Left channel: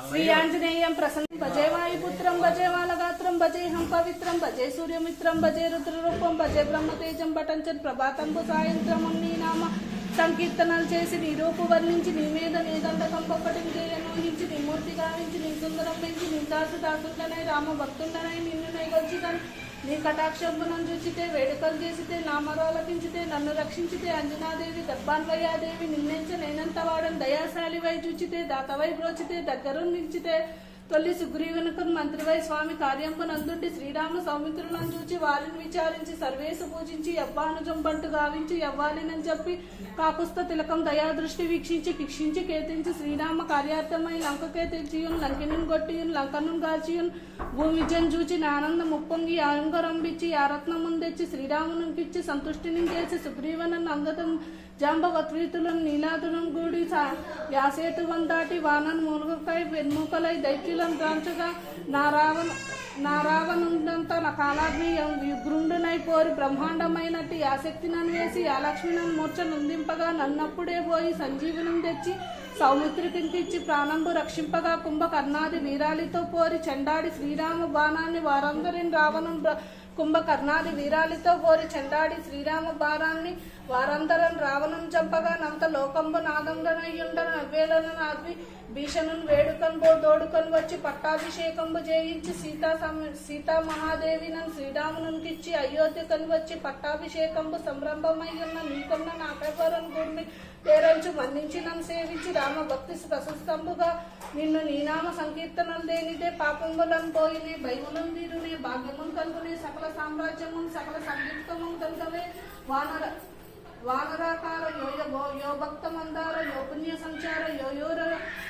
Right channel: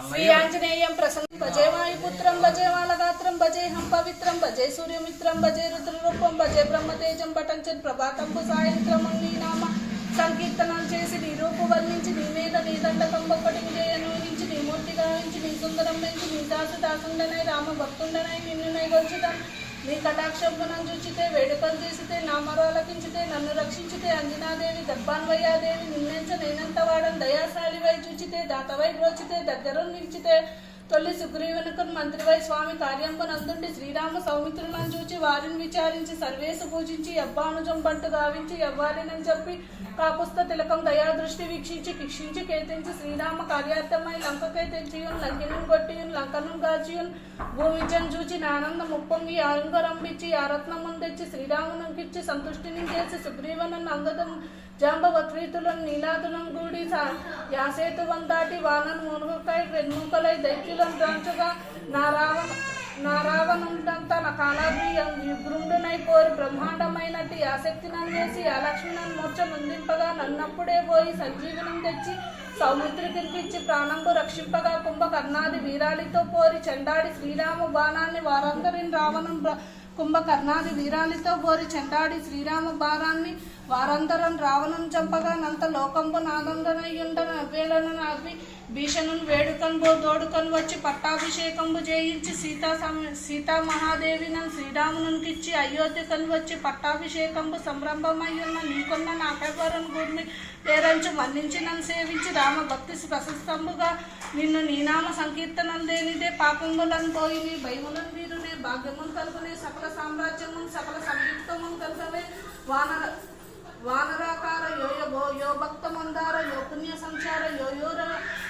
శ్రీ ప్రసన్న భజే వాయుపుత్రం భజే మాలగాత్రం భజేహం పవిత్రం భజే సూర్యమిత్రం భజే రుద్రరూపం భజే బ్రహ్మతేజం పటంచన్ ప్రభాతంబు సాయంత్రం నీ నామ. సంకీర్తనం చేసి నీ రూపు వర్ణించి నీ మీద నీ దండకం ఒక్కటి విజయనుంచి నీ మూర్తి గావించి నీ సుందరం పెంచి నీ దాసు దాసుండనై రామ భక్తుండనై నిన్ను నైగొల్చుతాను నీ కటాక్షంపునం చూచితే వేడుకలు చేసితే నా మరోలకించితే నన్ను రక్షించితే అంజనాదేవి గర్భాన్వయాదేవి నిన్నెంచ నేనంత దయాశాలి వై చూచితే దాతవై బ్రోచితే దగ్గర నిలిచితే తొలి సుగ్రీవునికి మంత్రివై స్వామి కార్యంకు నందుండి శ్రీరామ సౌమిత్రులను చూచి వారిని విచారించి సర్వేసు పూజించి యవ్వానుజం బంటు గావించి యవ్వాలినని చెప్పి కాపుస్త తిలకం దయా దృష్టి వీక్షించి శిక్షించి కేతించి శ్రీరామ కార్యార్థమై లంకకే తెచ్చియున్ లంకిను కొట్టియున్ లంకను గాచియున్ భూమిజన్ చూచి నానంద ముప్పొంగి ఆరంగరంబిచ్చి యారత్నమున్ తెచ్చి శ్రీరామునికిచ్చి సంతుష్టిని చేసి సుగ్రీవనన్ అంగతం జాంబవత్రీతులను నీలాదులను గూడి సా- యాసేతువం దాటి వానను మునుగుకై వెన్ముకలై దైత్యులను గాంచగా నా రావణ నా రావణుడంతా నా కాలాద్రి విగృండునై కోరి బ్రహ్మాండమైనట్టు ఆసక్తి నన్ను వేసి ఆ లక్ష్మి నన్ను మూర్చ నొందింపగా నన్నప్పుడే పోయి సంజీవనం తెచ్చి సౌమిత్రికింటిచ్చి ప్రాణంబు రక్షింపగా కుంభకర్ణాది వీరాలితో పోరి చెండాడి శ్రీరామ బాణాన్ని వారందరిని రావణం కుంభకర్ణాది వీరాలితో పోరి చెండాడి శ్రీరామ బాణాన్ని వారందరం రావణం చంపగా నంత లోకంబు నాదండనయ్యుండన వేలన భీషణుని వేడుకన్బో దోడుకొని వచ్చి పట్టాభిషేకంబు చేయించి సీతా సీతా మహాదేవి నన్ను శ్రీరామునికిచ్చి అయోధ్యకని వచ్చి పట్టాభిషేకంబు సంరంభమయ్యున్న నీకున్న నాకెవరం గురిని పేరంచు మన్నించి నన్ను సేవించి రామ భక్తి ప్రశస్తంబుగా నిన్ను నీనామ సంకీర్తనం దేనిదే పాపములను పోయి నీ భయములను వీరునే భాగ్యమును కలుగునే సకల సామ్రాజ్యమును సకల సంయుక్తమును కలుగునే వానర వానరాకార యోయ భో యో భక్త మందార యో పుణ్య సంచార యోయోర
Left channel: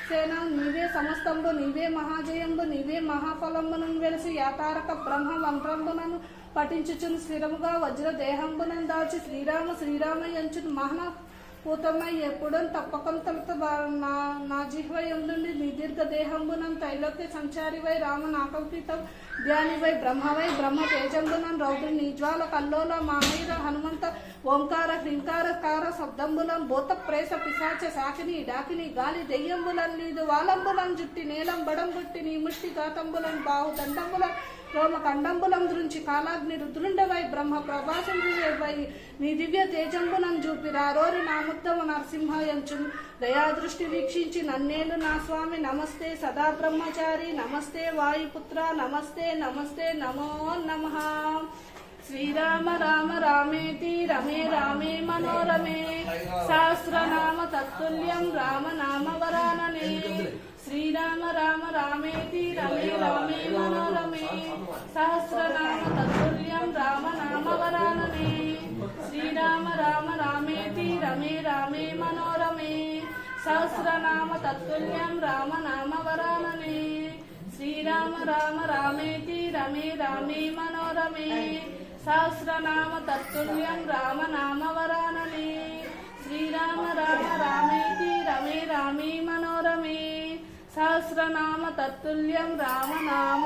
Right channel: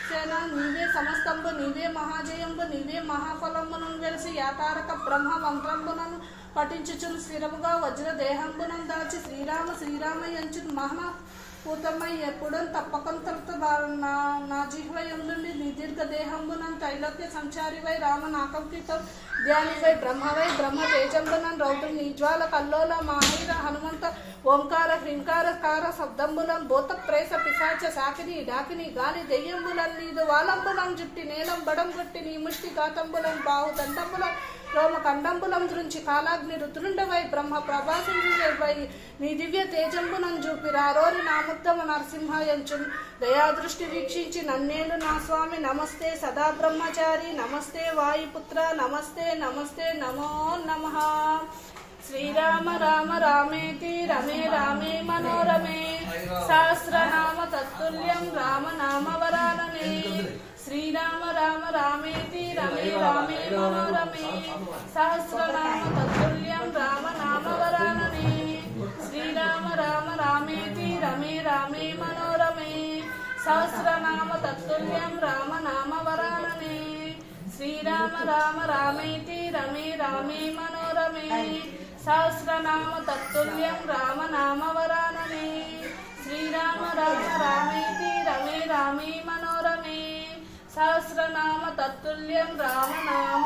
సేన నీవే సమస్తంబు నీవే మహాజయంబు నీవే మహాఫలంబును వెలిసి యాతారక బ్రహ్మ మంత్రంబునను పఠించుచును స్థిరముగా వజ్ర దేహంబునం దాచి శ్రీరామ శ్రీరామ ఎంచును మహన పూతమై ఎప్పుడూ తప్పకంతలతో నా నా జిహ్వయందుండి నీ దీర్ఘ దేహంబునం త్రైలోక్య సంచారివై రామ నాకంకితం ధ్యానివై బ్రహ్మవై బ్రహ్మ తేజంబునం రౌద్రు నిజ్వాల కల్లోల మాహైర హనుమంత ఓంకార హ్రీంకార కార శబ్దంబులం భూత ప్రేస పిశాచ సాకిని డాకిని గాలి దెయ్యంబులం నీదు వాలంబులం జుట్టి నేలం బడం గుట్టి నీ ముష్టి గాతంబులం బాహు దండంబులం రోమ కండంబులం దృంచి కాలాగ్ని రుద్రుండవై బ్రహ్మ ప్రభాసించువై నీ దివ్య తేజంబునం చూపి రారోరి నాముత్తమ నరసింహయంచున్. దయాదృష్టి వీక్షించి నన్నేలు నా స్వామి. నమస్తే సదా బ్రహ్మచారి. నమస్తే వాయుపుత్ర. నమస్తే నమస్తే నమో నమః. శ్రీరామ రామ రామేతి రమే రామే మనోరమే. సహస్రనామ తత్తుల్యం రామ నామ వరాననే. శ్రీరామ రామ రామేతి రమే రామే మనోరమే. సహస్రనామ తత్తుల్యం రామ నామ వరాననే. శ్రీరామ రామ రామేతి రమే రామే మనోరమే. సహస్రనామ తత్తుల్యం రామ నామ వరాననే. శ్రీరామ రామ రామేతి రమే రామే మనోరమే. సహస్రనామ తత్తుల్యం రామ నామ వరాననే. శ్రీరామ రామ రామేతి రమే రామే మనోరమే. సహస్రనామ తత్తుల్యం రామనామ